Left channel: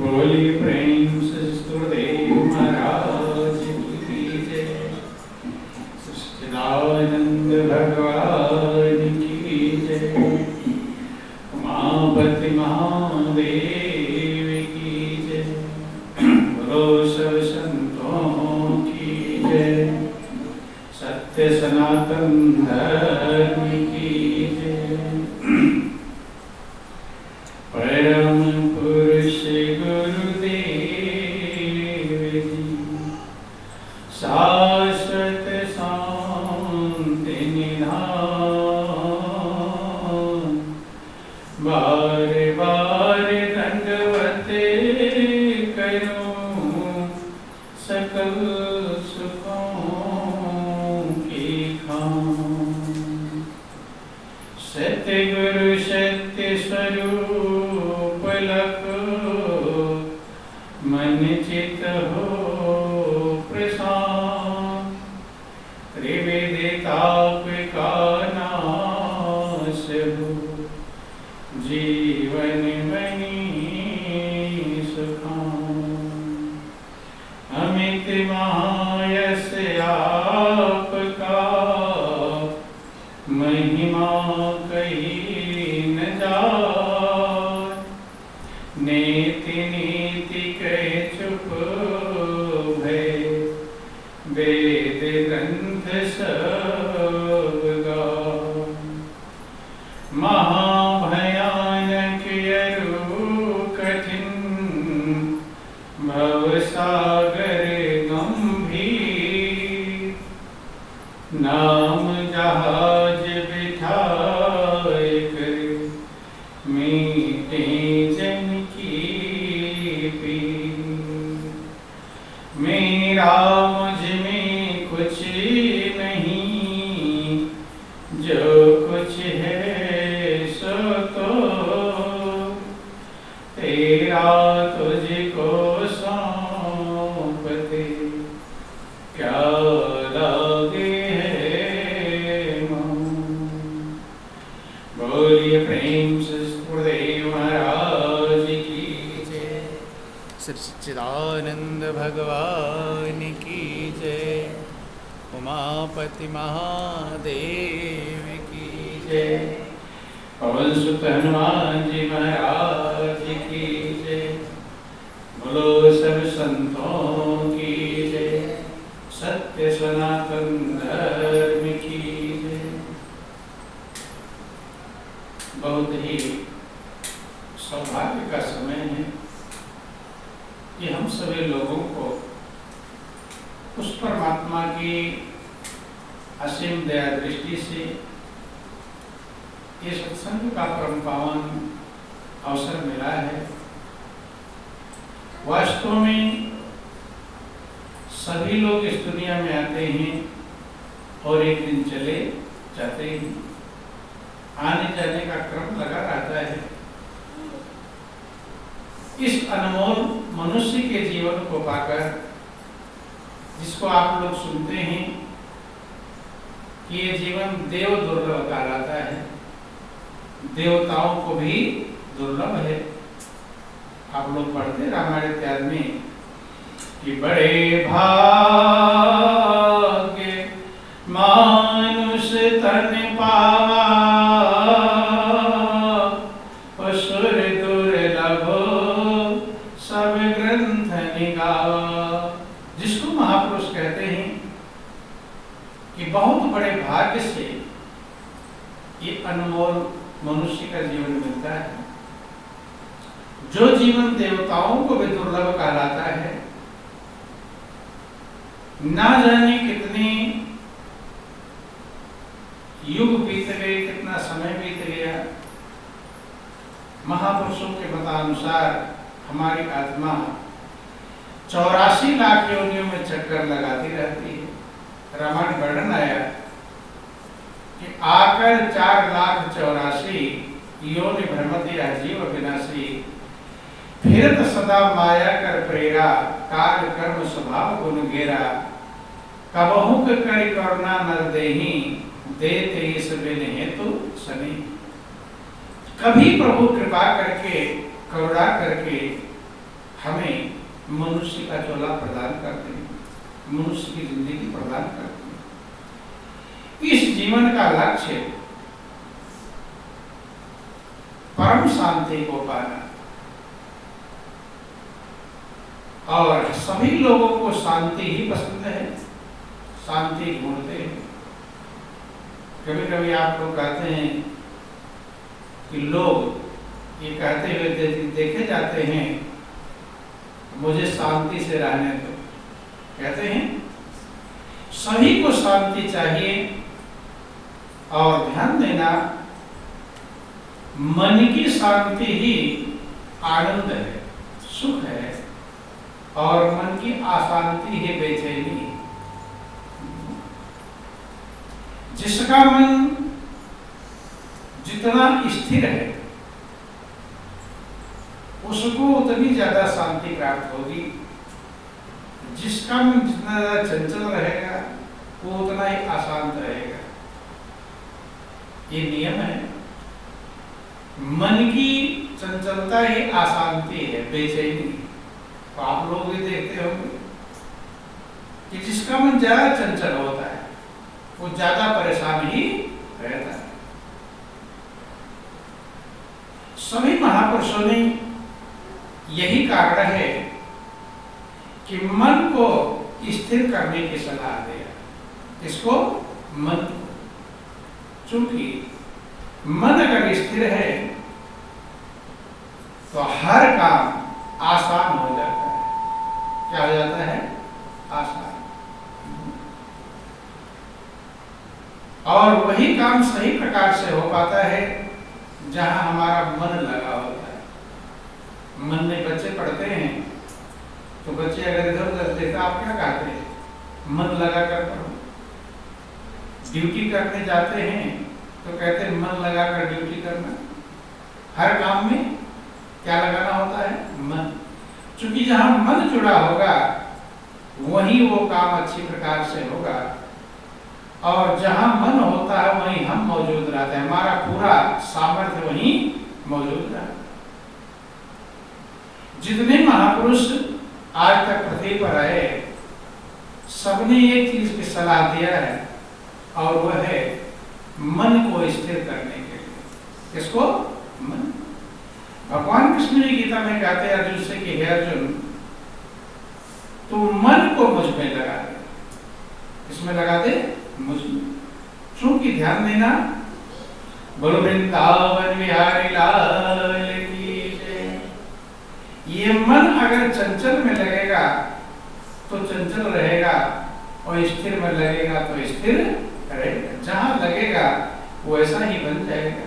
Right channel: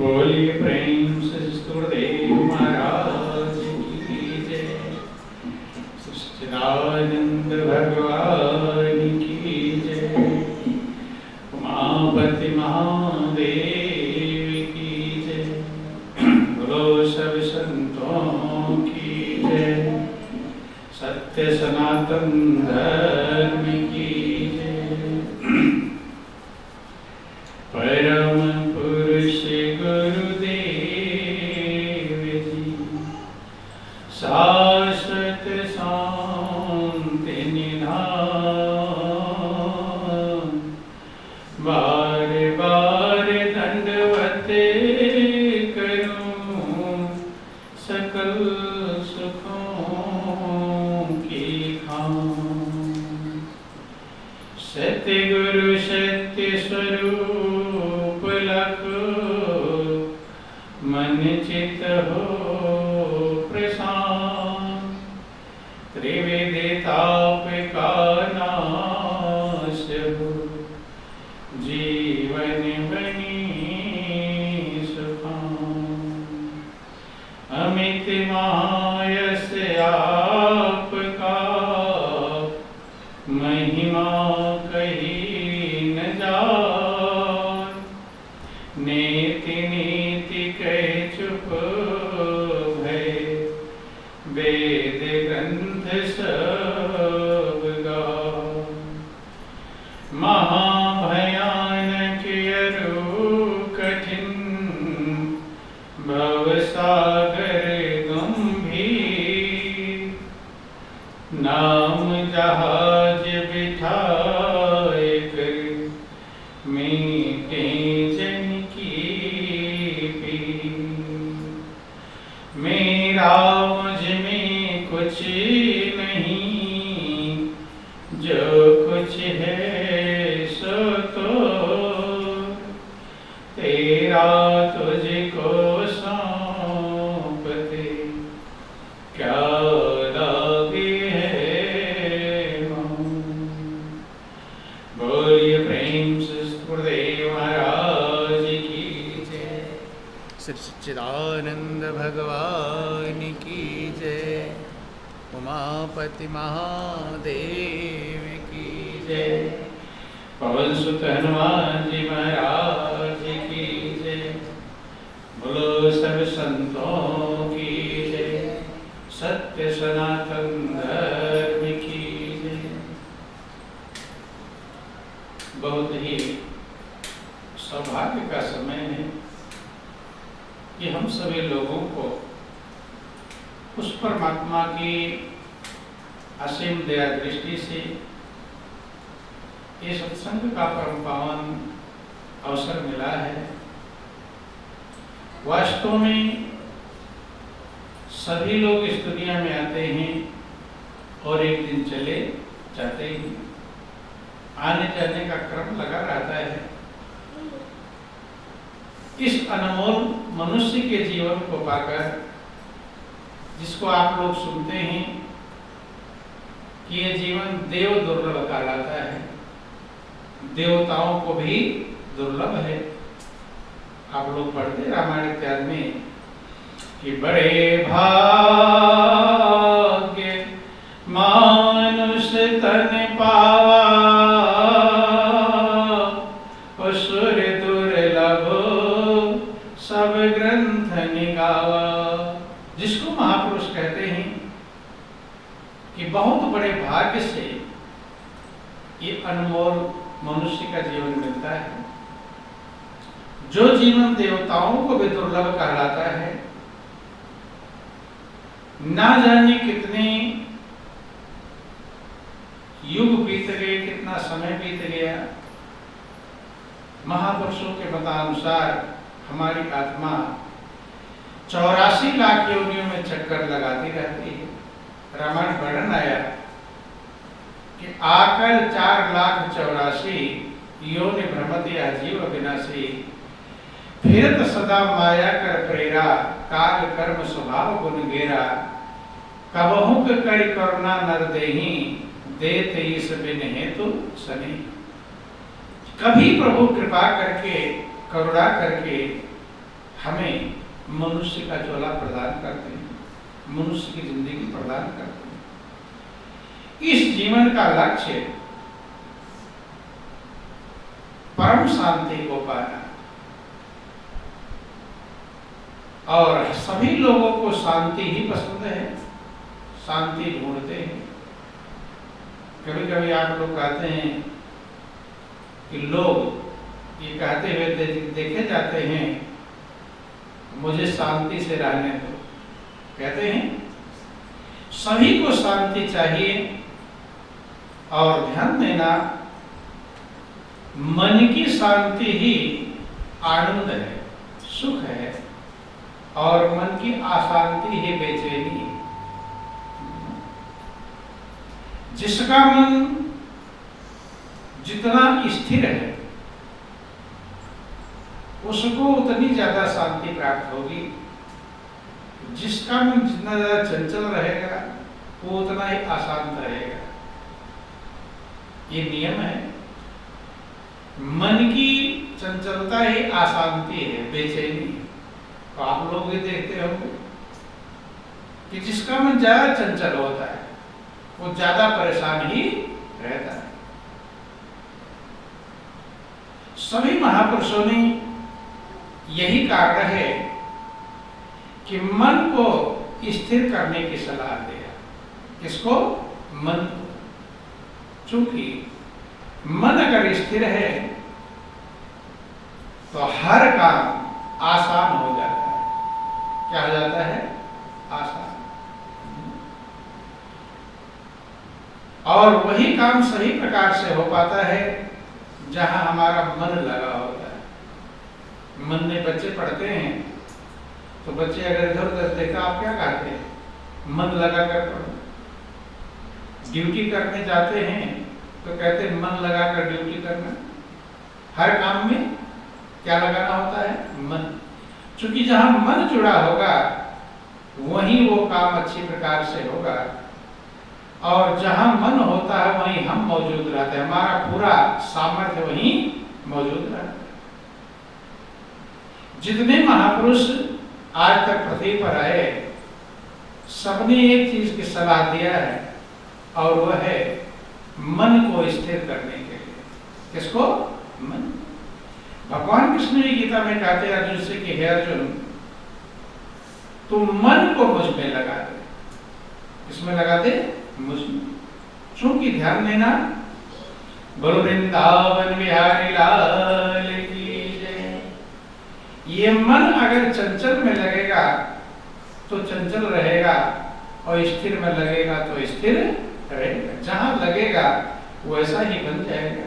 बोलिए प्रेम से सुरदेव महाराज की जय। सच्चिदानंद भगवान की जय। उमापति महादेव की जय। बोलो सब संतों की जय। सत्य सनातन धर्म की जय। परम पुरुष गुरुदेव जी शाश्वत शांति निधान। बार बार दंडवत करूं सकल सुखों की खान। सतगुरु सत्य स्वरूप लखो मन चित हो प्रशांत। त्रिविध ताप का नाश हो जीवन बनी सुखान। अमित महायश आपका महिमा कही न जाए। नीति नीति कह चुप भय वेद ग्रंथ सब गाए। महाभयानक अरु कठिन भवसागर गंभीर। नाम जहाज बिठाए कर मीटे जन की पीर। मेरा मुझ में कुछ नहीं जो कुछ है सो तो तेरा तुझको सौंपते क्या लागे है मोह। बोलिए प्रेम से गुरुदेव महाराज की जय। श्री सच्चिदानंद भगवान की जय। उमापति महादेव की जय। पवन सुत हनुमान जी महाराज की जय। बोलो सब संतों की जय। सत्य सनातन धर्म की जय। बहुत ही सौभाग्य का समय है कि हम सभी लोगों को उस परमात्मा की असीम दया दृष्टि से ये सत्संग का परम पावन अवसर मिला है। वास्तव में सभी लोग इस दुनिया में आते हैं और एक दिन चले जाते हैं। आने जाने का क्रम लगा रहता है। इस अनमोल मनुष्य के जीवन को पाकर जिसको आप लोग सुनते हैं कि ये जीवन देव दुर्लभ कहलाता है। देवताओं को भी दुर्लभ है। आप लोग पढ़ते रामायण इत्यादि में कि बड़े भाग्य मानुष तन पावा असुर दुर्लभ सब ग्रंथ निगावा। जिसको महापुरुष कहते हैं कि बहुत बड़े भाग्य से ये अनमोल मनुष्य का जीवन मिलता है। जो जीवन देवताओं को भी दुर्लभ कहलाता है। ना जाने कितने युग बीत गए, कितना समय बीत गया। महापुरुषों के मतानुसार हमारी आत्मा 84 लाख योनियों में चक्कर लगाती रहती है। रामायण वर्णन आया कि आकर 4,84,000 योनि भ्रमति जीव विनाशी। फिरत सदा माया कर प्रेरा काल कर्म स्वभाव गुण गेरा। कबहु करि करुणा नर देहि देते इस बिन हेतु सनी। कभी प्रभु कृपा करके, करुणा करके हमें मनुष्य का चोला प्रदान करते हैं, मनुष्य की जिंदगी प्रदान करते हैं। इस जीवन का लक्ष्य परम शांति को पाना, और सभी लोगों को शांति ही पसंद है, शांति ढूंढते हैं। कभी कभी आप लोग कहते हैं कि लोग ये कहते हुए देखे जाते हैं, मुझे शांति से रहने दो। कहते हैं सभी को शांति चाहिए, और ध्यान देना, मन की शांति ही आनंद है, सुख है, और मन की अशांति ही बेचैनी है। जिसका मन जितना स्थिर है उसको उतनी ज्यादा शांति प्राप्त होगी। जिसका मन जितना ज्यादा चंचल रहेगा वो उतना ही अशांत रहेगा। ये नियम है। मन की चंचलता ही अशांति है, बेचैनी। तो आप लोग भी देखते होंगे कि जिसका मन ज्यादा चंचल होता है वो ज्यादा परेशान ही रहता है। सभी महापुरुषों ने यही कारण है कि मन को स्थिर करने की सलाह दिया। किसको? मन को। चूंकि मन अगर स्थिर है तो हर काम आसान हो जाता है। क्या हो जाता है? आसान। और वही काम सही प्रकार से हो पाता है जहां हमारा मन लगा होता है। मन में बच्चे पढ़ते हैं तो बच्चे अगर इधर उधर देखा, आप क्या कहते हैं? मन लगा कर पढ़ो। ड्यूटी करने जाते हैं तो कहते हैं मन लगा कर ड्यूटी करना। हर काम में क्या लगाना होता है? मन। क्योंकि जहां मन जुड़ा होगा वहीं वो काम अच्छी प्रकार से होगा, और जहां मन होता है वहीं हम मौजूद रहते हैं। हमारा पूरा सामर्थ्य वहीं मौजूद रहता है। जितने महापुरुष आज तक पृथ्वी पर आए, सबने एक चीज की सलाह दिया है, और वह है मन को स्थिर करने के लिए। किसको? मन। भगवान कृष्ण भी गीता में कहते हैं अर्जुन से कि हे अर्जुन, तू मन को मुझ में लगा दे। किसमें लगा दे? मुझ में। चूंकि ध्यान देना, बोलो वृंदावन बिहारी लाल की जय। ये मन अगर चंचल में लगेगा तो चंचल रहेगा, और स्थिर में लगेगा तो स्थिर रहेगा। जहां लगेगा वैसा ही बन जाएगा।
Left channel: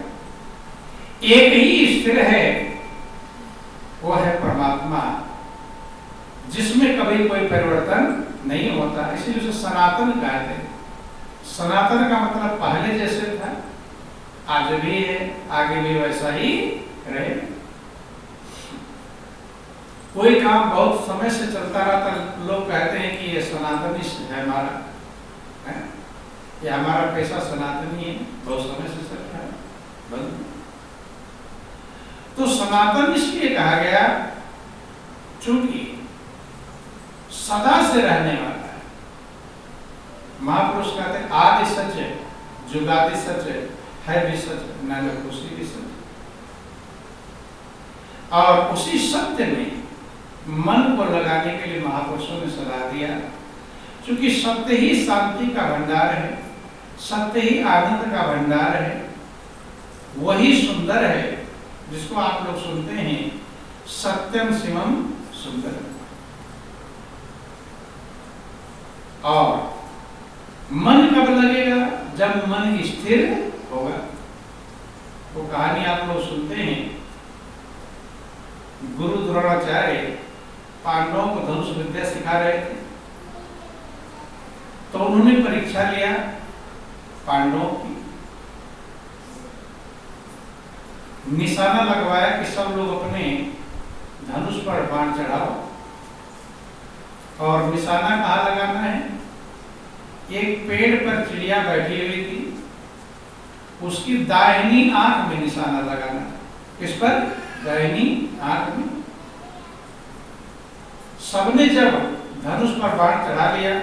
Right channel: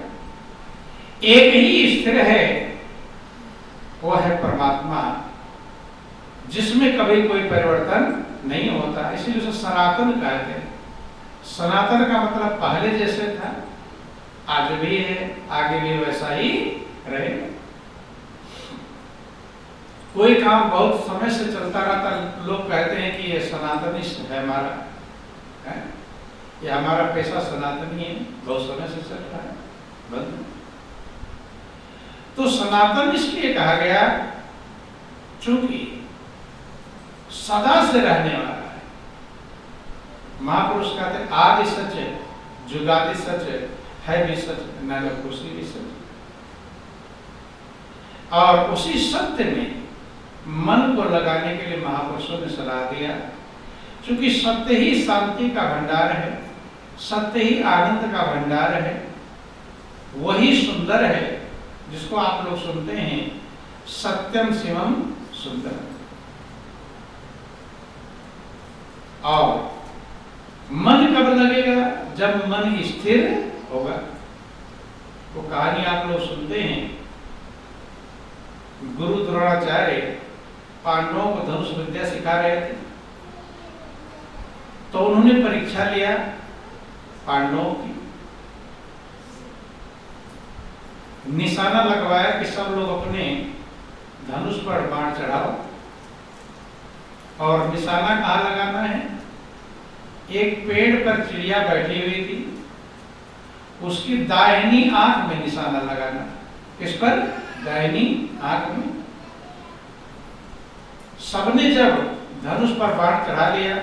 एक ही स्थिर है, वो है परमात्मा, जिसमें कभी कोई परिवर्तन नहीं होता। इसलिए उसे सनातन कहते हैं। सनातन का मतलब पहले जैसे था, आज भी है, आगे भी वैसा ही रहेगा। कोई काम बहुत समय से चलता रहता, लोग कहते हैं कि ये सनातनी है हमारा, है? ये हमारा पैसा सनातनी है, बहुत समय से चल रहा है, बंद। तो सनातन इसलिए कहा गया चूंकि सदा से रहने वाला है। महापुरुष कहते हैं आदि सच है, जुगादि सच है भी सच, नरकुशी भी सच। और उसी सत्य में मन को लगाने के लिए महापुरुषों ने सलाह दिया। क्योंकि सत्य ही शांति का भंडार है, सत्य ही आनंद का भंडार है, वही सुंदर है जिसको आप लोग सुनते हैं, सत्यम शिवम सुंदरम। और मन कब लगेगा? जब मन स्थिर होगा। तो कहानी आप लोग सुनते हैं, गुरु द्रोणाचार्य पांडवों को धनुष विद्या सिखा रहे थे। तो उन्होंने परीक्षा लिया पांडवों की, निशाना लगवाया कि सब लोग अपने धनुष पर बाण चढ़ाओ। और निशाना कहाँ लगाना है? एक पेड़ पर चिड़िया बैठी हुई थी, उसकी दाहिनी आंख में निशाना लगाना। किस पर? दाहिनी आंख में। सबने जब धनुष पर बाण चढ़ा लिया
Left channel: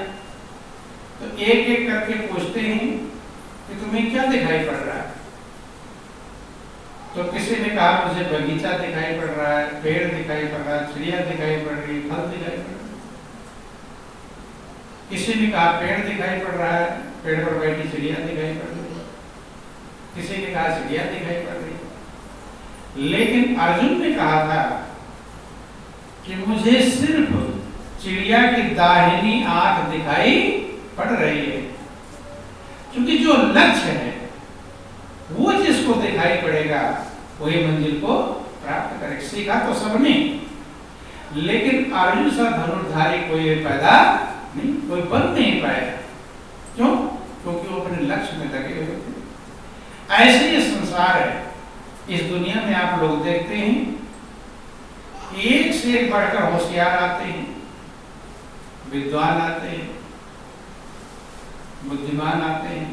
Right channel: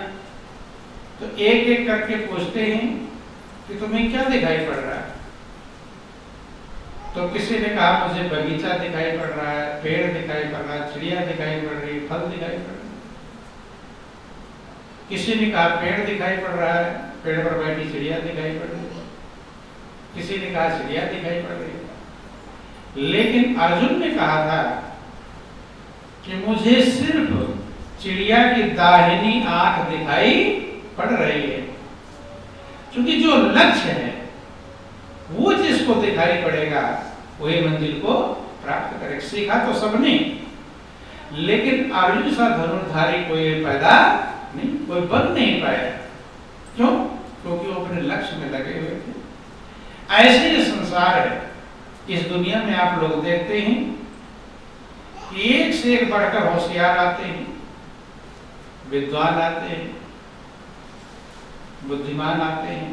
तो एक एक करके पूछते हैं कि तुम्हें क्या दिखाई पड़ रहा है? तो किसी ने कहा मुझे बगीचा दिखाई पड़ रहा है, पेड़ दिखाई पड़ रहा है, चिड़िया दिखाई पड़ रही है, फल दिखाई पड़ रहा है। किसी ने कहा पेड़ दिखाई पड़ रहा है, पेड़ पर बैठी चिड़िया दिखाई पड़ रही है। किसी ने कहा चिड़िया दिखाई पड़ रही है। लेकिन अर्जुन ने कहा था कि मुझे सिर्फ चिड़िया की दाहिनी आंख दिखाई पड़ रही है, क्योंकि जो लक्ष्य है वो जिसको दिखाई पड़ेगा वही मंजिल को प्राप्त करेगा। सीखा तो सबने, लेकिन अर्जुन सा धनुर्धारी कोई पैदा नहीं, कोई बन नहीं पाया। क्यों? क्योंकि वो अपने लक्ष्य में लगे हुए थे। ऐसे ये संसार है। इस दुनिया में आप लोग देखते हैं एक से एक बढ़कर होशियार आते हैं, विद्वान आते हैं, बुद्धिमान आते हैं,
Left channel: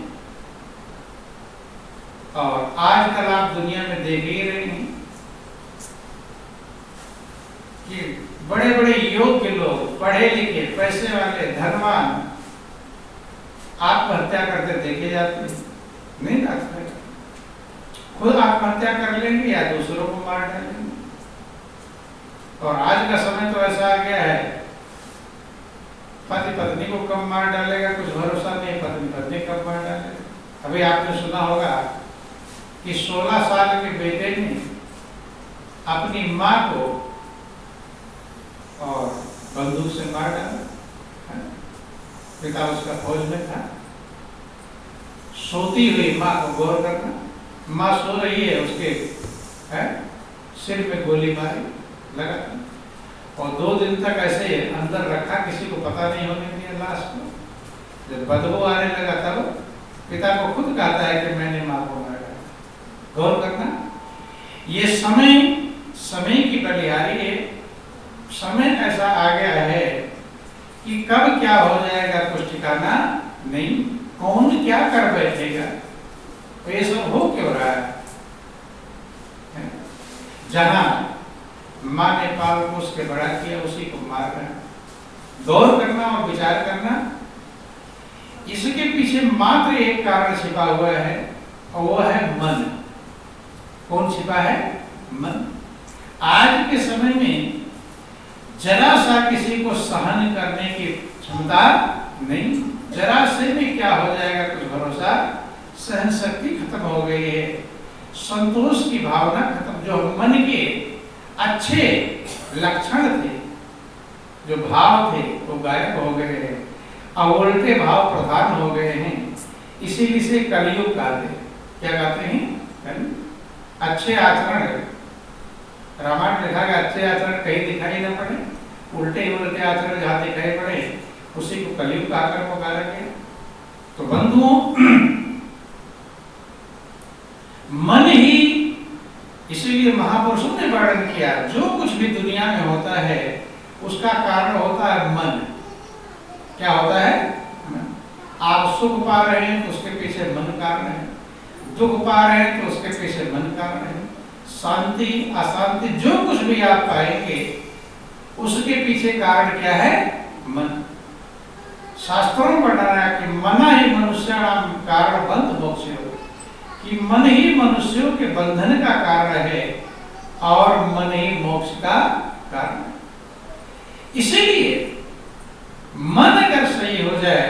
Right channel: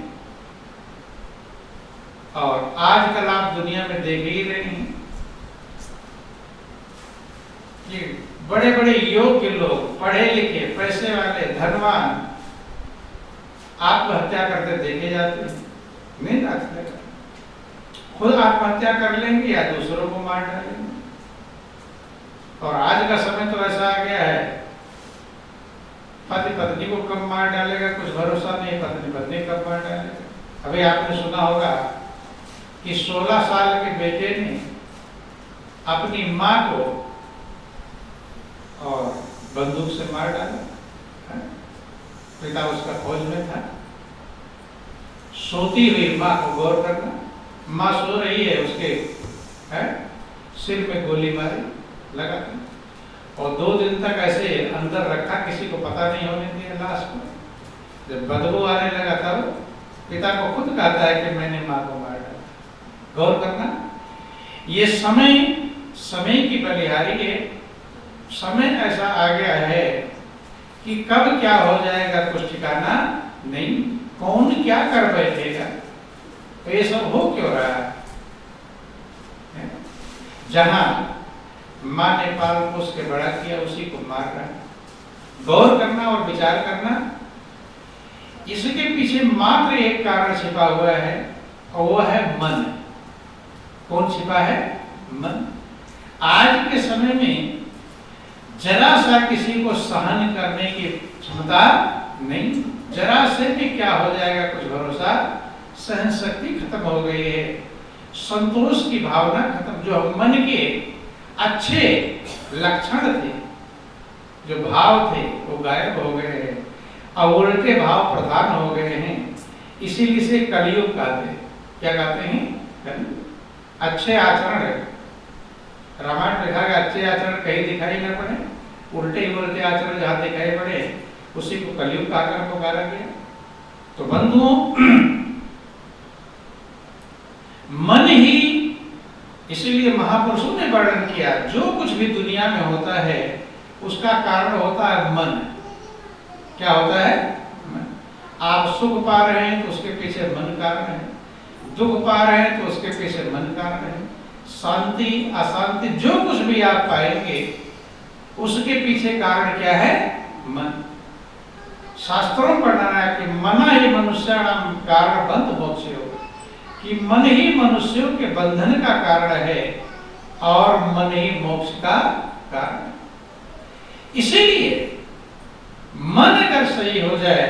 और आजकल आप दुनिया में देख ही रहे हैं कि बड़े बड़े योग्य लोग, पढ़े लिखे, पैसे वाले, धनवान आत्महत्या करते देखे जाते हैं। नहीं आत्महत्या, खुद आत्महत्या कर लेंगे या दूसरों को मार डालेंगे। और आज का समय तो ऐसा आ गया है, पति पत्नी को कब मार डालेगा कुछ भरोसा नहीं, पत्नी पत्नी कब मार डालेगा। अभी आपने सुना होगा कि 16 साल के बेटे ने अपनी मां को और बंदूक से मार डाला। पिता उसका फौज में था। सोती हुई मां को गौर करना, मां सो रही है, उसके सिर में गोली मारी लगा, और 2 दिन तक ऐसे अंदर रखा, किसी को पता नहीं होने दिया लाश को। जब बदबू आने लगा तब पिता को खुद कहता है कि मैंने मां को मारा। गौर करना, ये समय की बलिहारी है। समय ऐसा आ गया है कि कब क्या हो जाएगा कुछ ठिकाना नहीं, कौन क्या कर बैठेगा। तो ये सब हो क्यों रहा है? जहां मां ने पाल पोस के बड़ा किया उसी को मार रहा है। गौर करना और विचार करना, इसके पीछे मात्र एक कारण छिपा हुआ है, और वो है मन। कौन छिपा है? मन। आज के समय में जरा सा किसी को सहन करने की क्षमता नहीं, जरा से भी क्या हो जाएगा कुछ भरोसा, सहन शक्ति खत्म हो गई है, संतोष की भावना खत्म। जो मन के अच्छे लक्षण थे, जो भाव थे, वो गायब हो गए हैं, और उल्टे भाव प्रधान हो गए हैं। इसीलिए से कलयुग कहते हैं। क्या कहते हैं? अच्छे आचरण है। रामायण लिखा गया, अच्छे आचरण कहीं दिखाई ना पड़े, उल्टे ही उल्टे आचरण जहां दिखाई पड़े उसी को कलयुग आकर पुकारा गया। तो बंधुओं, मन ही, इसीलिए महापुरुषों ने वर्णन किया, जो कुछ भी दुनिया में होता है उसका कारण होता है मन। क्या होता है? आप सुख पा रहे हैं तो उसके पीछे मन कारण है, दुख पा रहे हैं तो उसके पीछे मन कारण है, शांति अशांति जो कुछ भी आप पाएंगे उसके पीछे कारण क्या है? मन। शास्त्रों में पढ़ा है कि मना ही मनुष्याणाम कारण बंध मोक्षयो, कि मन ही मनुष्यों के बंधन का कारण है और मन ही मोक्ष का कारण है। इसीलिए मन अगर सही हो जाए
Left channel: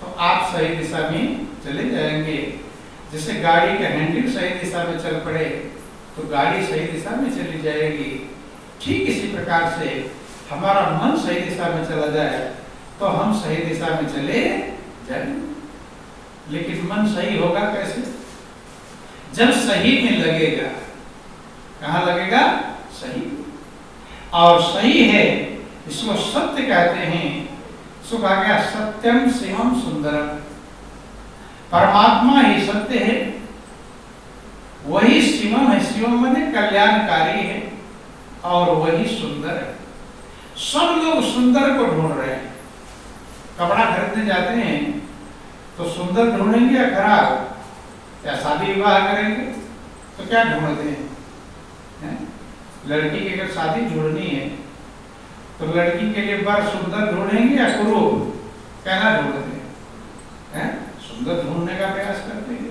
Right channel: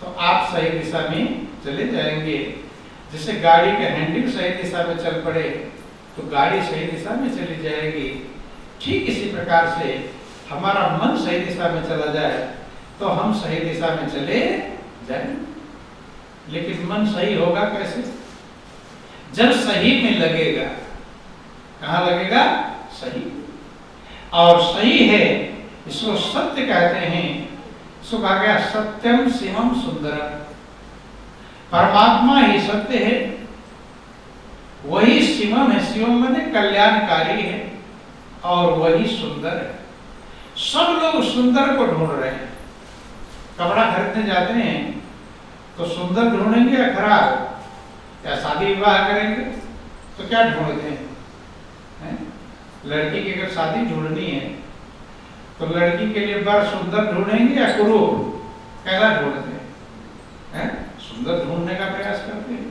तो आप सही दिशा में चले जाएंगे। जैसे गाड़ी का हैंडल सही दिशा में चल पड़े तो गाड़ी सही दिशा में चली जाएगी। ठीक इसी प्रकार से हमारा मन सही दिशा में चला जाए तो हम सही दिशा में चले जाएं। लेकिन मन सही होगा कैसे? जब सही में लगेगा। कहाँ लगेगा? सही। और सही है, इसको सत्य कहते हैं। इसको कहा गया सत्यम शिवम सुंदरम। परमात्मा ही सत्य है, वही शिवम है। शिवम माने कल्याणकारी है और वही सुंदर है। सब लोग सुंदर को ढूंढ रहे हैं। कपड़ा खरीदने जाते हैं तो सुंदर ढूंढेंगे या खराब? या शादी विवाह करेंगे तो क्या ढूंढते हैं? लड़की की अगर शादी ढूंढनी है तो लड़की के लिए वर सुंदर ढूंढेंगे या कुरूप? कैसा ढूंढते हैं? सुंदर ढूंढने का प्रयास करते हैं,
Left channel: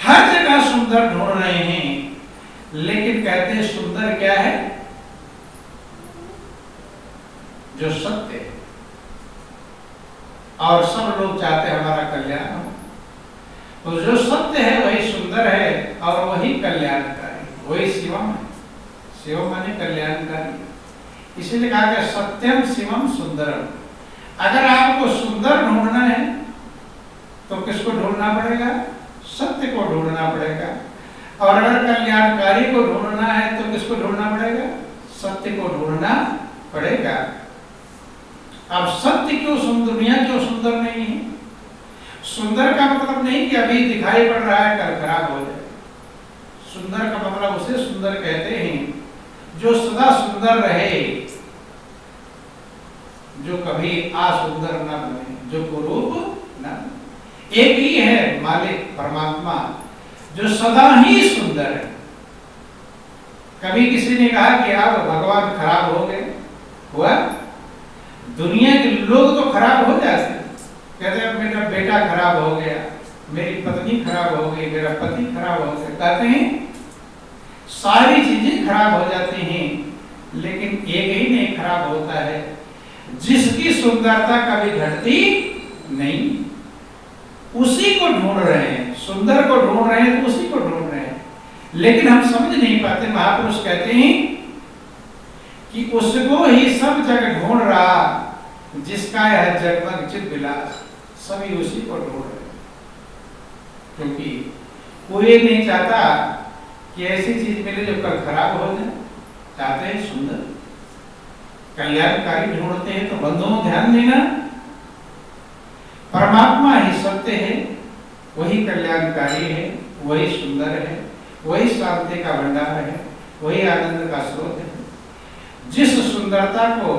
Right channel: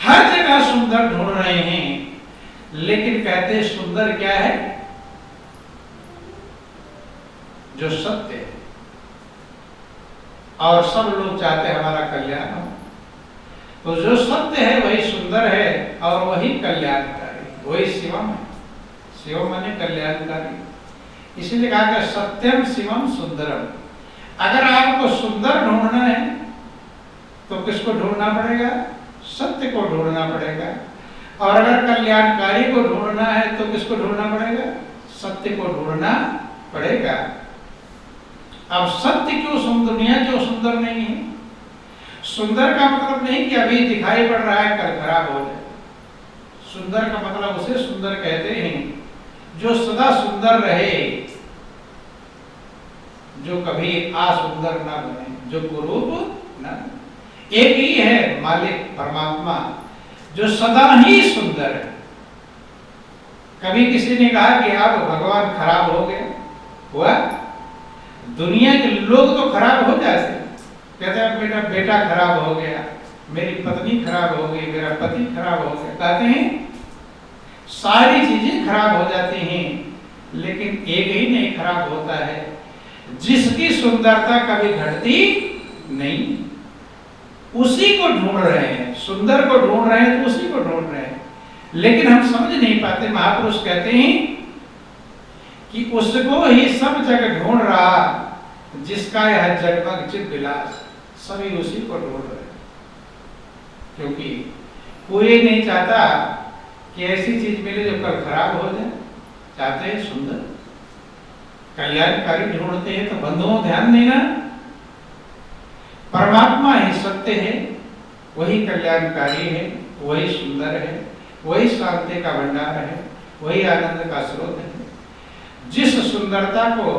हर जगह सुंदर ढूंढ रहे हैं, लेकिन कहते हैं सुंदर क्या है? जो सत्य है। और सब लोग चाहते हैं हमारा कल्याण हो, तो जो सत्य है वही सुंदर है और वही कल्याणकारी, वही शिवम है। शिवम माने कल्याणकारी, इसीलिए कहा गया सत्यम शिवम सुंदरम। अगर आपको सुंदर ढूंढना है तो किसको ढूंढना पड़ेगा? सत्य को ढूंढना पड़ेगा। और अगर कल्याणकारी को ढूंढना है तो किसको ढूंढना पड़ेगा? सत्य को ढूंढना पड़ेगा। अब सत्य क्यों दुनिया क्यों सुंदर नहीं है? सुंदर का मतलब नहीं कि अभी दिखाई पड़ रहा है कल खराब हो जाए। सुंदर का मतलब उसे सुंदर कहते हैं जो सदा सुंदर रहे, जो कभी असुंदर ना बने, जो कुरूप ना। एक ही है मालिक परमात्मा जो सदा ही सुंदर है। कभी किसी ने कहा कि आप भगवान खराब हो गए? हुआ? दुनिया के लोग तो खराब हो जाते, कहते हैं मेरा बेटा खराब हो गया, मेरी पत्नी खराब हो गई, मेरा पति खराब हो गया, कहते हैं सारी चीजें खराब हो जाती हैं, लेकिन एक ही नहीं खराब होता है, जिसकी सुंदरता कभी घटती नहीं। उसी को ढूंढ रहे हैं, सुंदर को ढूंढ रहे हैं तो उसी को ढूंढ रहे हैं, लेकिन हम समझ नहीं पाते। महापुरुष कहते हैं कि उसको ही सब जगह ढूंढ रहा जिसका यह जगमग चित विलास, सभी उसी को ढूंढ रहे हैं। क्योंकि कोई नहीं चाहता कि ऐसी चीज मिले जो कल खराब हो जाए, चाहते हैं सुंदर कल्याणकारी ढूंढते हैं। तो बंधुओं ध्यान देना, परमात्मा ही सत्य है, वही कल्याणकारी है, वही सुंदर है, वही शांति का भंडार है, वही आनंद का स्रोत है। जिस सुंदरता को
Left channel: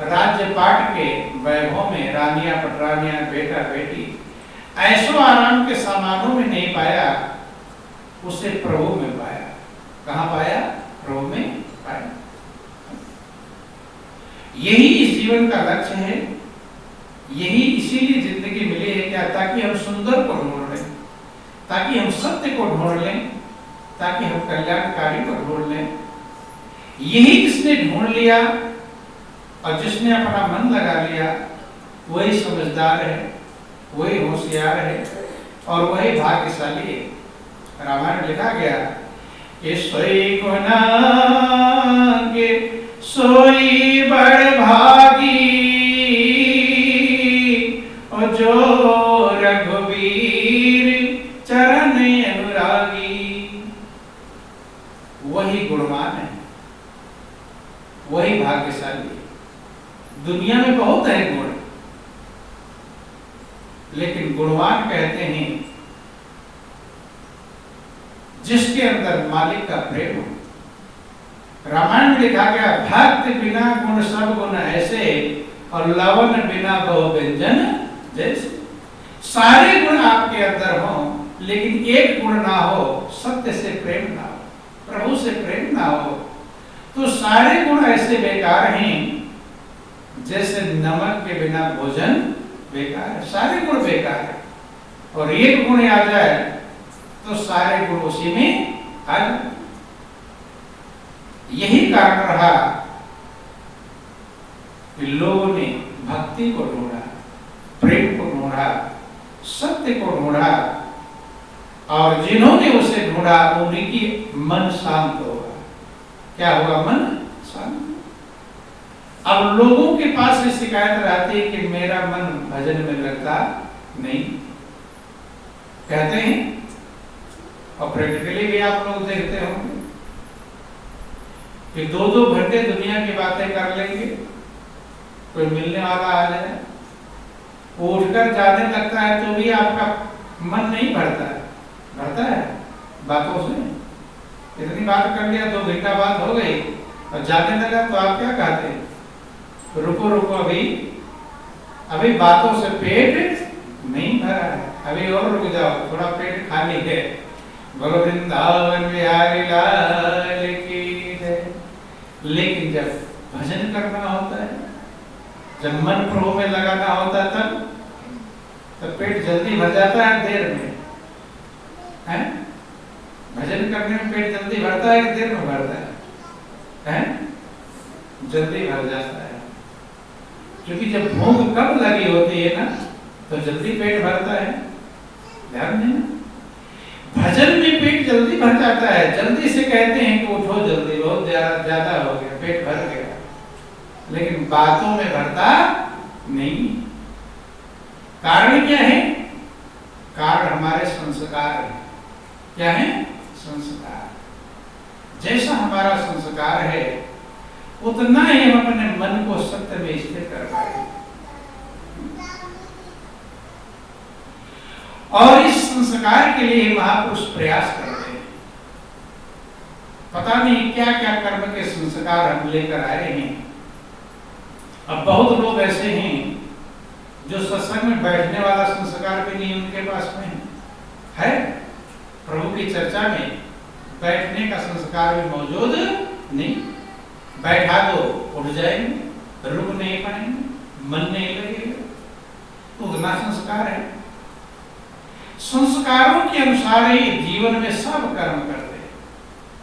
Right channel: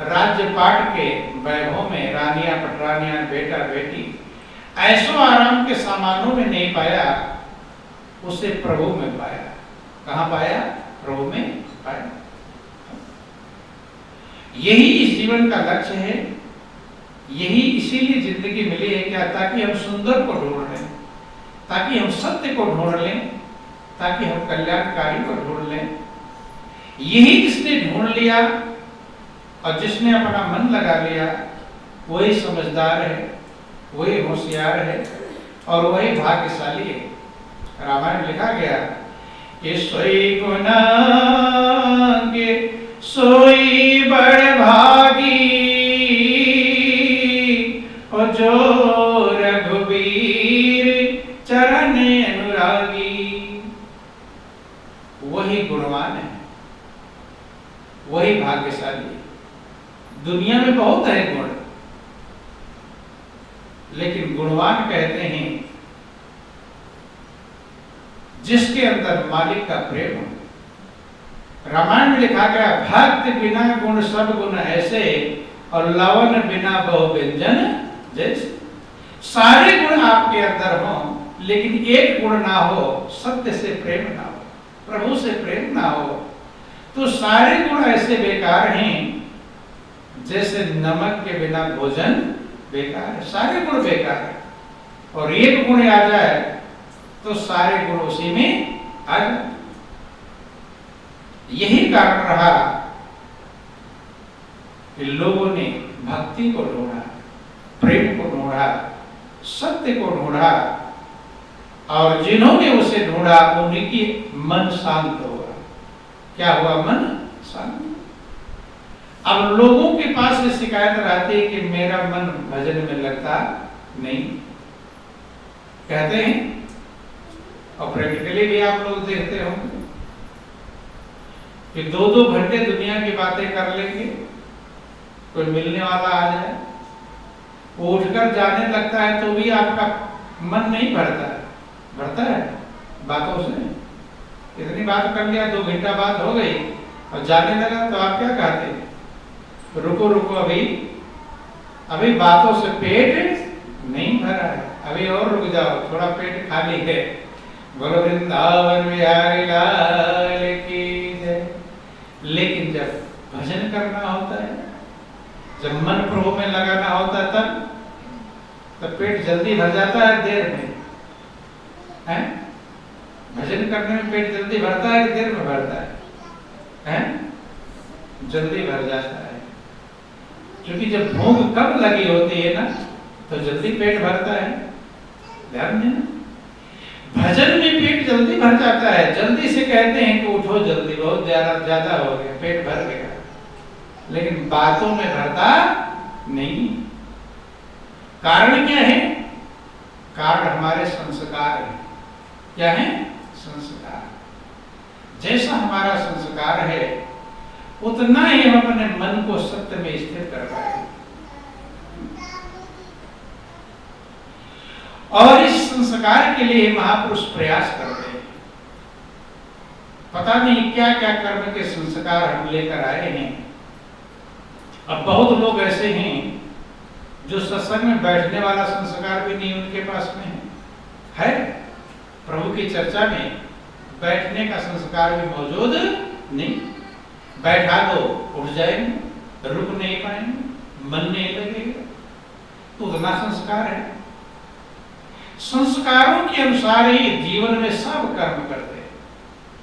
राज्य पाट के वैभव में रानियां पटरानियां बेटा बेटी ऐसो आराम के सामानों में नहीं पाया, उसे प्रभु में पाया। कहां पाया? प्रभु में पाया। यही इस जीवन का लक्ष्य है, यही इसीलिए जिंदगी मिली है क्या? ताकि हम सुंदर को ढूंढ लें, ताकि हम सत्य को ढूंढ लें, ताकि हम कल्याणकारी को ढूंढ लें। यही जिसने ढूंढ लिया और जिसने अपना मन लगा लिया, वही समझदार है, वही होशियार है और वही भाग्यशाली है। रामायण में लिखा गया कि सोई गुणांगे सोई बड़ भागी, और जो रघुवीर चरण अनुरागी। वही गुणवान है, वही भाग्यशाली है। दुनिया में बहुत है गुण, लेकिन गुणवान कहते हैं जिसके अंदर मालिक का प्रेम हो। रामायण में लिखा गया भक्ति बिना गुण सब गुण ऐसे, और लवन बिना बहु व्यंजन जैसे। सारे गुण आपके अंदर हो, लेकिन एक गुण ना हो, सत्य से प्रेम ना हो, प्रभु से प्रेम ना हो, तो सारे गुण ऐसे बेकार हैं जैसे नमक के बिना भोजन बेकार है। सारे गुण बेकार है, और एक गुण आ जाए तो सारे गुण उसी में आ जाए। यही कारण रहा कि लोगों ने भक्ति को ढूंढा, प्रेम को ढूंढा, सत्य को ढूंढा, और जिन्होंने उसे ढूंढा उनकी मन शांत हुआ। क्या हुआ? मन शांत। अब लोगों के पास ये शिकायत रहती है कि मेरा मन भजन में लगता नहीं, कहते हैं, और प्रैक्टिकली भी आप लोग देखते होंगे कि 2-2 घंटे दुनिया की बातें कर लेंगे, कोई मिलने वाला आ जाए, उठकर जाने लगता है तो भी आपका मन नहीं भरता है। भरता है बातों से। इतनी बात कर लिया, 2 घंटा बात हो गई और जाने लगा तो आप क्या कहते हैं? रुको रुको, अभी बातों से पेट नहीं भरा है, अभी और रुक जाओ, थोड़ा पेट खाली है। बोलो वृंदावन बिहारी लाल की जय। जब भजन करना होता है, जब मन प्रभु में लगाना होता है, तब पेट जल्दी भर जाता है देर में, है? भजन करने में पेट जल्दी भरता है कि देर में भरता है? जल्दी भर जाता है, क्योंकि जब भूख कम लगी होती है ना तो जल्दी पेट भरता है। ध्यान देना, भजन में पेट जल्दी भर जाता है। जल्दी से कहते हैं कि उठो जल्दी, बहुत ज्यादा हो गया, पेट भर गया, लेकिन बातों में भरता नहीं। कारण क्या है? कारण हमारे संस्कार है। क्या है? संस्कार। जैसा हमारा संस्कार है उतना ही हम अपने मन को सत्य में स्थिर कर पाएंगे। और इस संस्कार के लिए महापुरुष प्रयास करते हैं। पता नहीं क्या क्या कर्म के संस्कार हम लेकर आए हैं। अब बहुत लोग ऐसे हैं जो सत्संग में बैठने वाला संस्कार भी नहीं उनके पास में है। प्रभु की चर्चा में बैठने का संस्कार भी मौजूद नहीं। बैठा दो उठ जाएंगे, रुक नहीं पाएंगे, मन नहीं लगेगा, तो उतना संस्कार है। संस्कारों के अनुसार ही जीवन में सब कर्म करते हैं।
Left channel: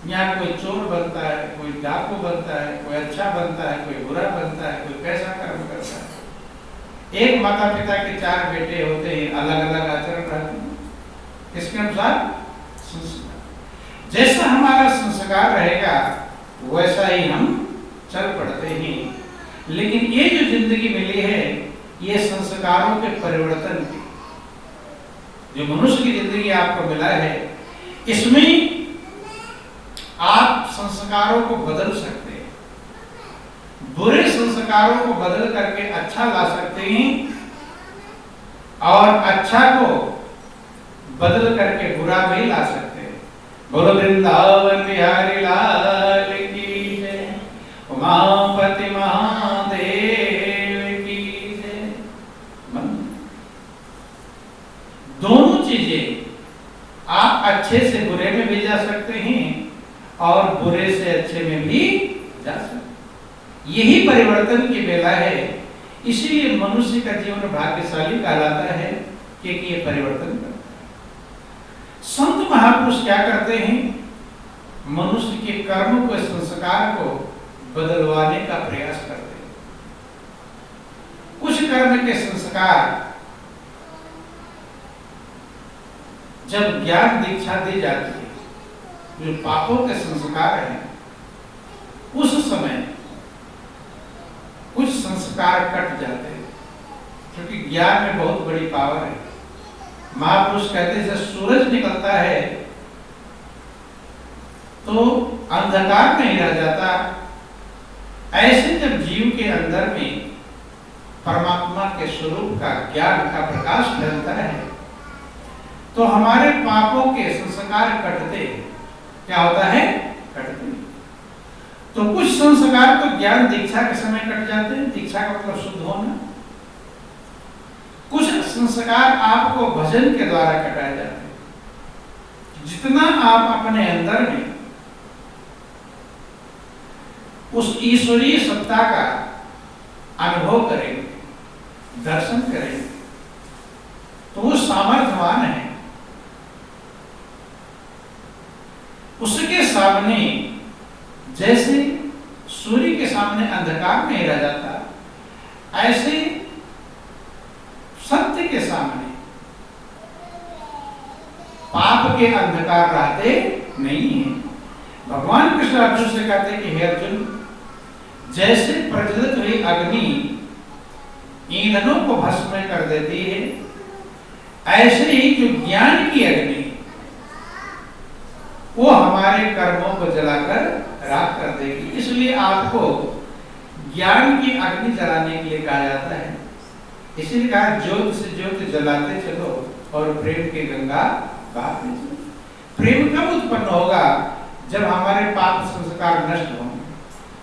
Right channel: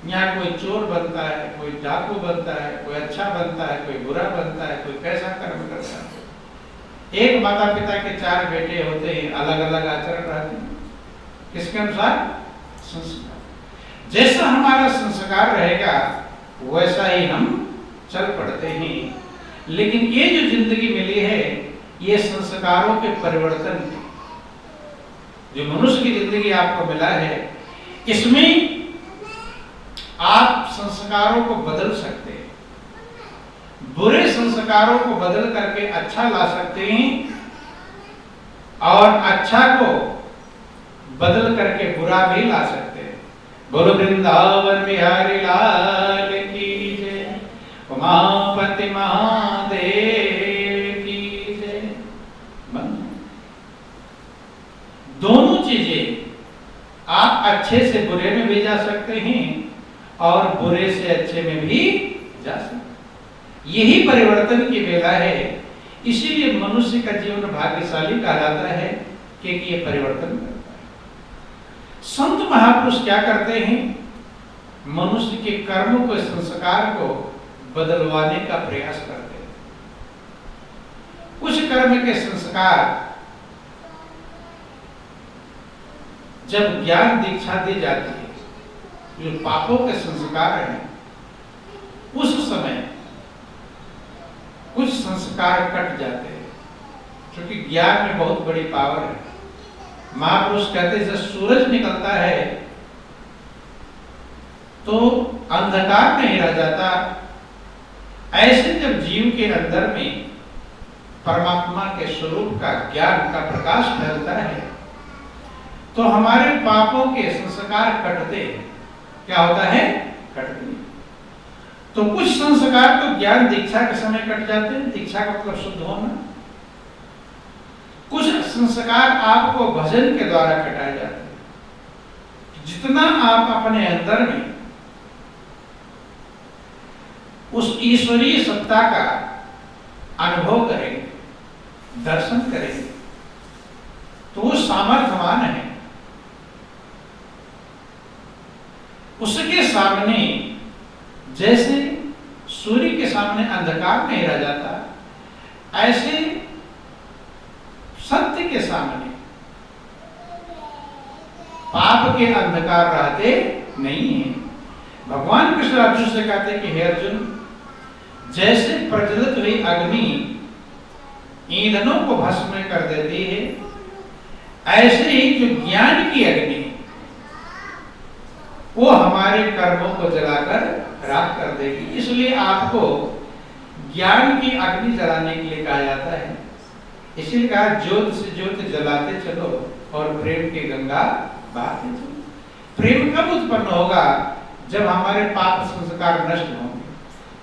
यहाँ कोई चोर बनता है, कोई डाकू बनता है, कोई अच्छा बनता है, कोई बुरा बनता है, कोई कैसा कर्म करता है। एक माता पिता के 4 बेटे होते हैं, अलग अलग आचरण रहते हैं। किसके अनुसार? संस्कार। जैसा हमारा संस्कार रहेगा वैसा ही हम चल पड़ते हैं। लेकिन ये जो जिंदगी मिली है ये संस्कारों के परिवर्तन की, जो मनुष्य की जिंदगी आपको मिला है, इसमें आप संस्कारों को बदल सकते हैं। बुरे संस्कारों को बदल करके अच्छा ला सकते हैं और अच्छा को बदल करके बुरा भी ला सकते हैं। बोलो वृंदावन बिहारी लाल की जय, उमापति महादेव की जय। दोनों चीजें आप अच्छे से बुरे में भी जा सकते हैं और बुरे से अच्छे में भी जा सकते हैं। यही परिवर्तन की बेला है। इसीलिए मनुष्य का जीवन भाग्यशाली कहलाता है कि ये परिवर्तन करता है। संत महापुरुष क्या करते हैं? मनुष्य के कर्म को, संस्कार को बदलवाने का प्रयास करते हैं। कुछ कर्म के संस्कार जब ज्ञान दीक्षा दी जाती है, जो पापों के संस्कार हैं, उस समय कुछ संस्कार कट जाते हैं, क्योंकि ज्ञान में बहुत बड़ी पावर है। महापुरुष कहते हैं जब सूरज निकलता है तो अंधकार नहीं रह जाता। ऐसे जब जीव के अंदर में परमात्मा के स्वरूप का, ज्ञान का प्रकाश फैलता है तो हमारे पापों के संस्कार कटते हैं। क्या होता है? कटते हैं। तो कुछ संस्कार तो ज्ञान दीक्षा के समय कट जाते हैं, दीक्षा का मतलब शुद्ध होना। कुछ संस्कार आपको भजन के द्वारा कटाए जाते हैं। जितना आप अपने अंदर में उस ईश्वरीय सत्ता का अनुभव करेंगे, दर्शन करेंगे, तो वो सामर्थ्यवान है। उसके सामने जैसे सूर्य के सामने अंधकार नहीं रह जाता, ऐसे सत्य के सामने पाप के अंधकार रहते नहीं है। भगवान कृष्ण अर्जुन से कहते हैं कि हे अर्जुन, जैसे प्रज्वलित हुई अग्नि ईंधनों को भस्म कर देती है, ऐसे ही जो ज्ञान की अग्नि वो हमारे कर्मों को जलाकर राख कर देगी। इसलिए आपको ज्ञान की अग्नि जलाने के लिए कहा जाता है। इसीलिए कहा ज्योत से ज्योत जलाते चलो और प्रेम की गंगा बहाते चलो। प्रेम कब उत्पन्न होगा? जब हमारे पाप संस्कार नष्ट होंगे।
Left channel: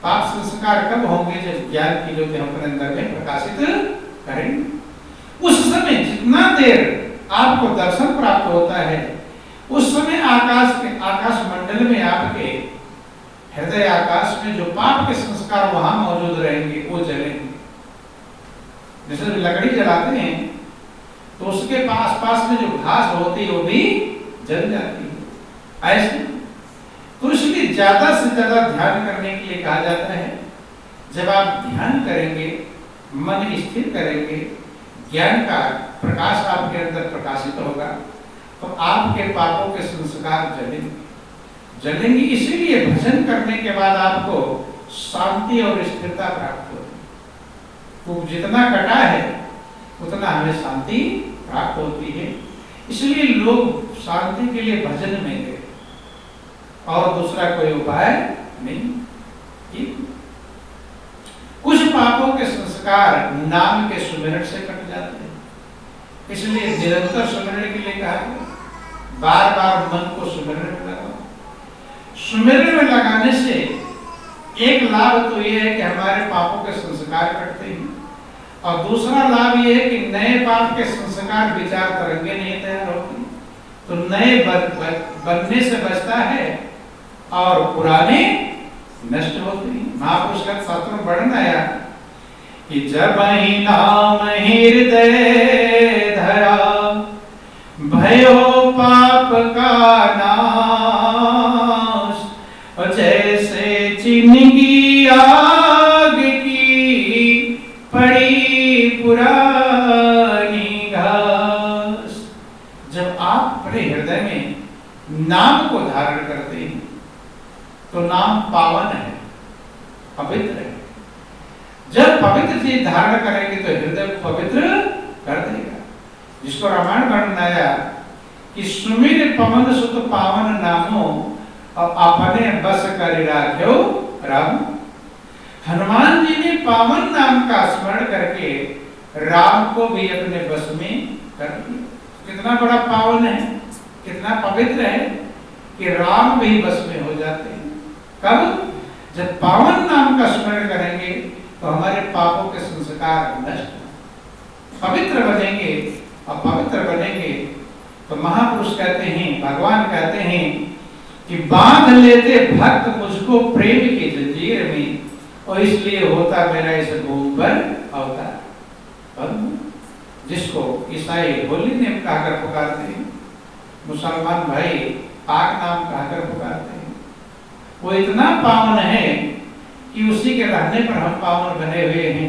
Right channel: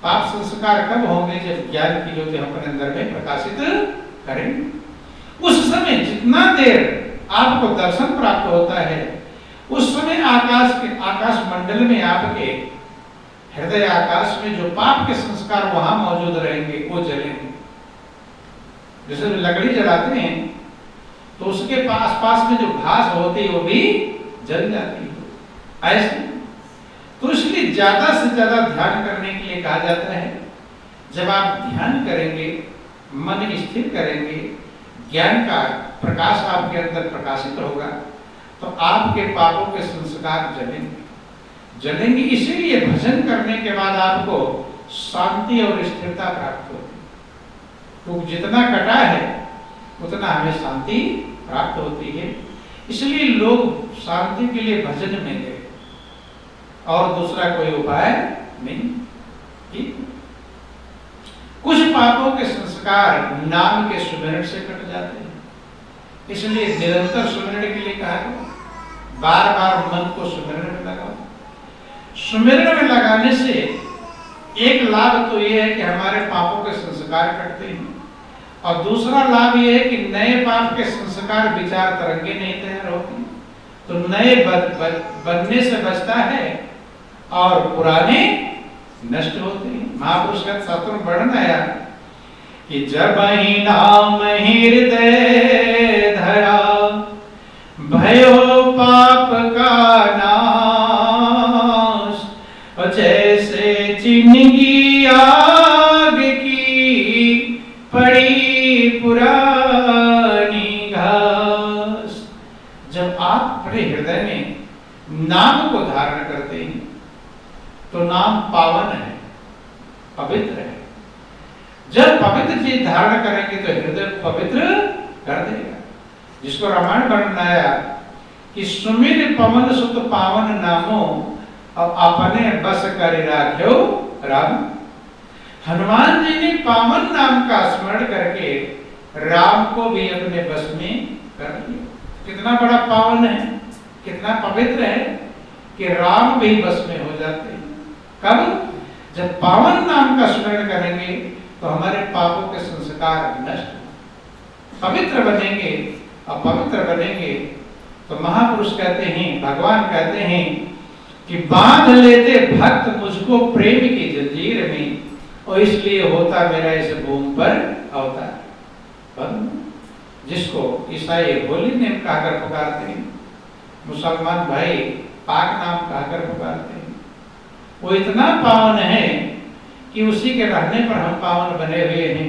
पाप संस्कार कब होंगे? जब ज्ञान की ज्योति हम अपने अंदर में प्रकाशित करेंगे। उस समय जितना देर आपको दर्शन प्राप्त होता है, उस समय आकाश मंडल में आपके हृदय आकाश में जो पाप के संस्कार वहां मौजूद रहेंगे वो जलेंगे। जैसे लकड़ी जलाते हैं तो उसके पास में जो घास होती है वो भी जल जाती है। ऐसे तो इसलिए ज्यादा से ज्यादा ध्यान करने के लिए कहा जाता है। जब आप ध्यान करेंगे, मन स्थिर करेंगे, ज्ञान का प्रकाश आपके अंदर प्रकाशित होगा, तो आपके पापों के संस्कार जलेंगे। इसीलिए भजन करने के बाद आपको शांति और स्थिरता प्राप्त होती है। तो जितना कटा है उतना हमें शांति प्राप्त होती है। इसलिए लोग शांति के लिए भजन में गए और दूसरा कोई उपाय नहीं। कुछ पापों के संस्कार नाम के सुमिरन से कट जाते हैं, इसलिए निरंतर सुमिरन के लिए कहा है। बार बार मन को सुमिरन में लगाओ। सुमिरन में लगाने से एक लाभ तो यह है कि हमारे पापों के संस्कार कटते हैं, और दूसरा लाभ यह है कि नए पाप के संस्कार विचार तरंगे नहीं तैयार होती, तो नए बनने से बचता है और पुराने नष्ट होते हैं। महापुरुष का शास्त्र में वर्णन आया कि जब ही नाम हृदय धरा, भयो पाप का नाश, जैसे चिन्हगी आग की पड़ी पुरानी घास। जब आप अपने हृदय में नाम को धारण करते हैं तो नाम पावन है, पवित्र है। जब पवित्र चीज धारण करेंगे तो हृदय को पवित्र कर देगा। जिसको रामायण वर्णन आया कि सुमिर पवन सुत पावन नामो और अपने बस कर राख्यो राम। हनुमान जी ने पावन नाम का स्मरण करके राम को भी अपने बस में कर लिया। कितना बड़ा पावन है, कितना पवित्र है कि राम भी बस में हो जाते हैं। कब? जब पावन नाम का स्मरण करेंगे तो हमारे पापों के संस्कार नष्ट पवित्र बनेंगे, और पवित्र बनेंगे तो महापुरुष कहते हैं, भगवान कहते हैं कि बांध लेते भक्त मुझको प्रेम की जंजीर में, और इसलिए होता मेरा इस भूमि पर अवतार। जिसको ईसाई होली नेम कहकर पुकारते हैं, मुसलमान भाई पाक नाम कहकर पुकारते हैं, वो इतना पावन है कि उसी के रहने पर हम पावन बने हुए हैं।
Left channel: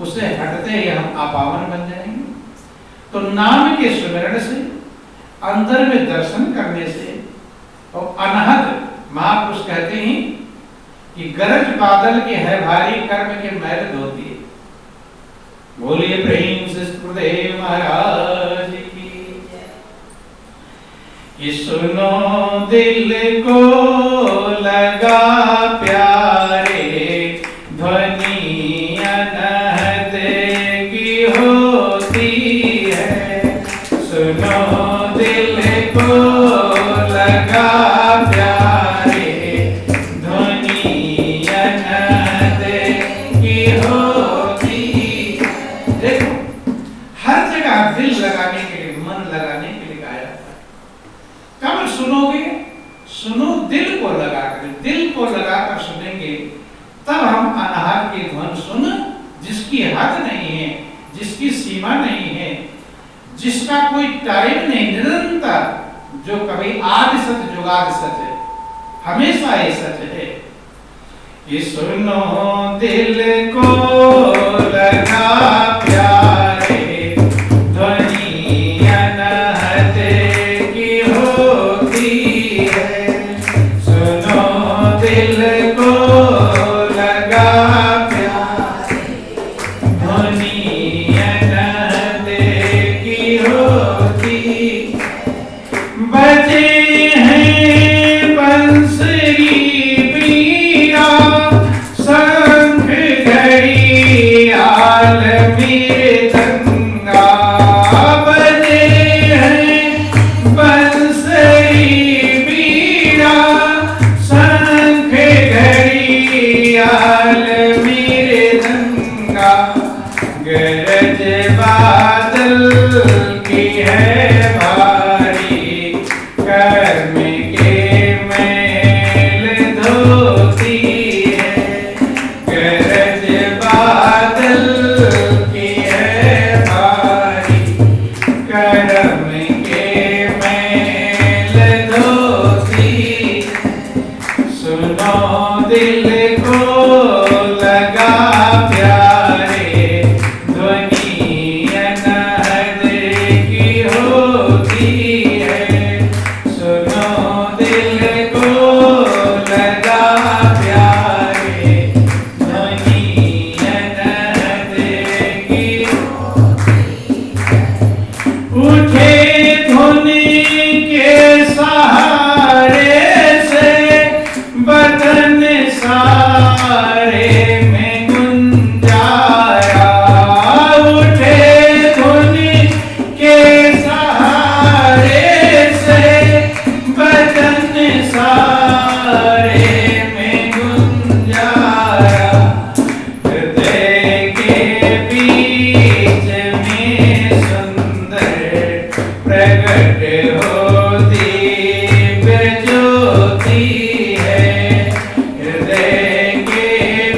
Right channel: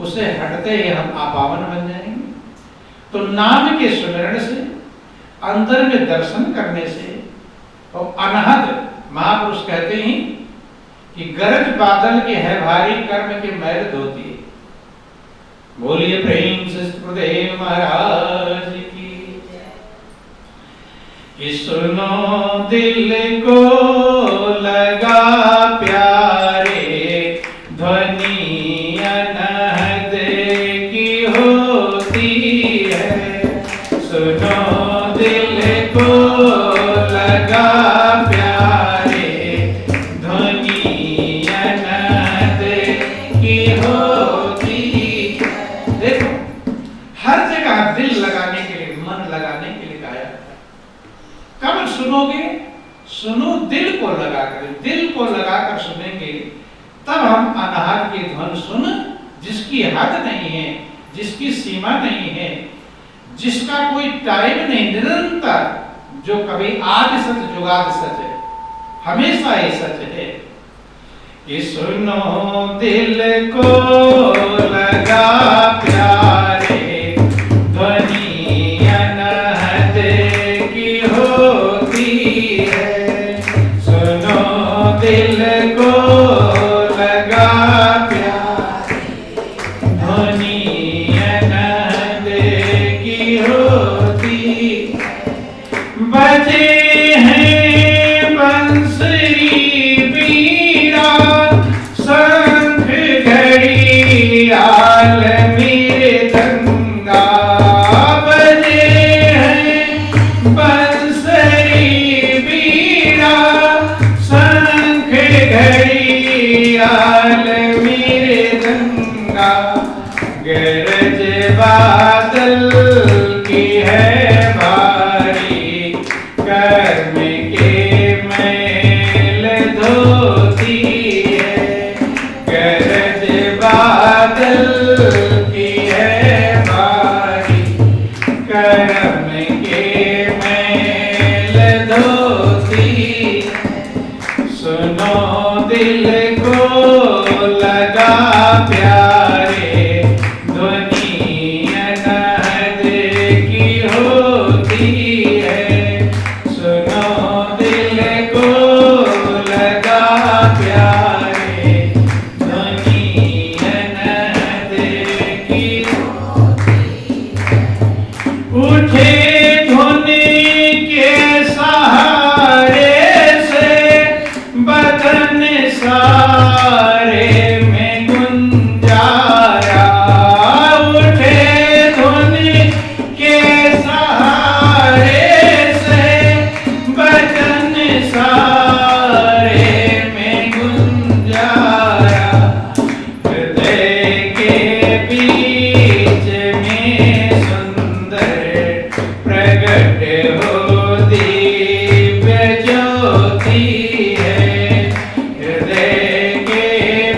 उसे हटते ही हम अपावन बन जाएंगे। तो नाम के स्मरण से, अंदर में दर्शन करने से, और अनहद महापुरुष कहते हैं कि गरज बादल के है भारी, कर्म के मैल धोती है। बोलिए प्रेम से गुरुदेव महाराज की जय। सुनो दिल को लगा प्यारे, ध्वनि अनहद की होती है। सुनो दिल को लगा प्यारे, ध्वनि अनहद की होती है। देखो, हर जगह दिल लगाने के लिए, मन लगाने के लिए कहा जाता है। कब सुनोगे? सुनो दिल को लगाकर, दिल को लगाकर सुनेंगे तब हम अनहद की ध्वनि सुन, जिसकी हद नहीं है, जिसकी सीमा नहीं है, जिसका कोई टाइम नहीं, निरंतर, जो कभी आदि सच जुगाद सच है, हमेशा ही सच है। कि सुनो दिल को लगा प्यारे, ध्वनि अनहद की होती है। सुनो दिल को लगा प्यारे, ध्वनि अनहद की होती। बजे हैं बंसरी बीड़ा, शंख घड़ी दिल को लगा प्यारे, ध्वनि अनहद की होती है। सुनो दिल को लगा प्यारे, ध्वनि अनहद की होती है। उठे धुन के सहारे से बदन सारे में गुंजारा। उठे धुन के सहारे से बदन सारे में गुंजारा। हृदय के बीच में सुंदर प्रगट हो दिव्य ज्योति है। हृदय के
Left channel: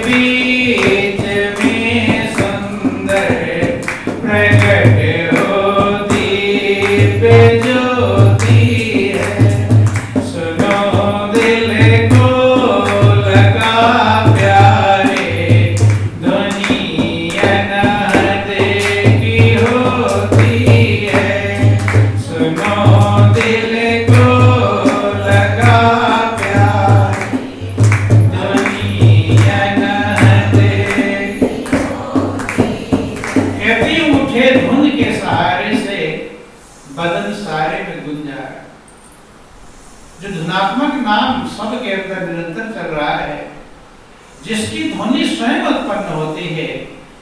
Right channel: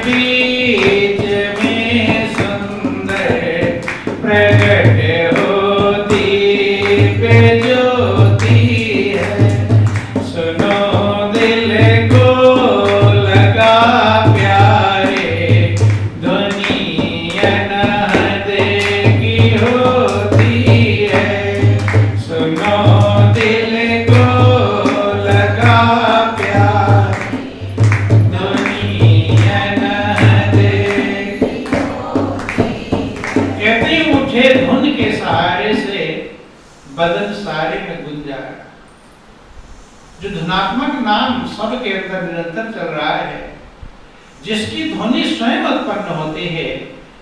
बीच में सुंदर प्रगट हो दिव्य ज्योति है। सुनो दिल को लगा प्यारे, ध्वनि अनहद की होती है। सुनो दिल को लगा प्यारे, ध्वनि अनहद की होती है। कहते उठे धुन के सहारे से बदन सारे में गुंजारा। जो धुनात्मक नाम सबके अंदर निरंतर चल रहा है, जिसकी ध्वनि स्वयं उत्पन्न होती है,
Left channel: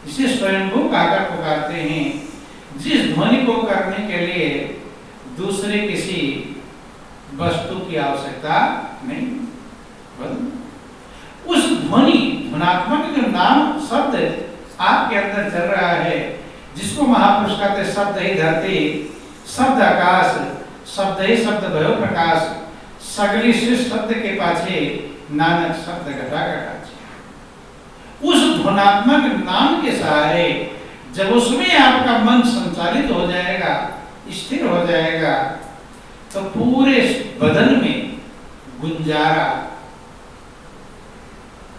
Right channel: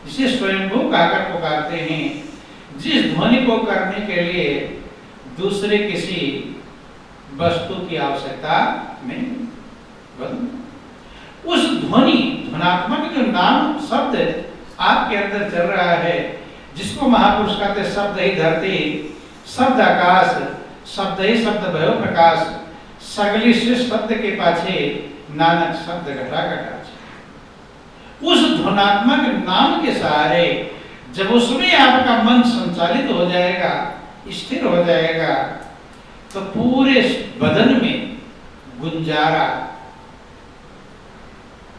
जिसे स्वयंभू कहकर पुकारते हैं, जिस ध्वनि को करने के लिए दूसरे किसी वस्तु की आवश्यकता नहीं। उस ध्वनि धुनात्मक जो नाम शब्द आपके अंदर चल रहा है, जिसको महापुरुष कहते शब्द ही धरती, शब्द आकाश, शब्द ही शब्द भयो प्रकाश, सगली सृष्टि शब्द के पाछे नानक शब्द घटा घटाच। उस धुनात्मक नाम के सहारे जब उसमें आपका मन संचालित हो जाएगा, स्थिर हो जाएगा, तो पूरे बदन में गुंजारा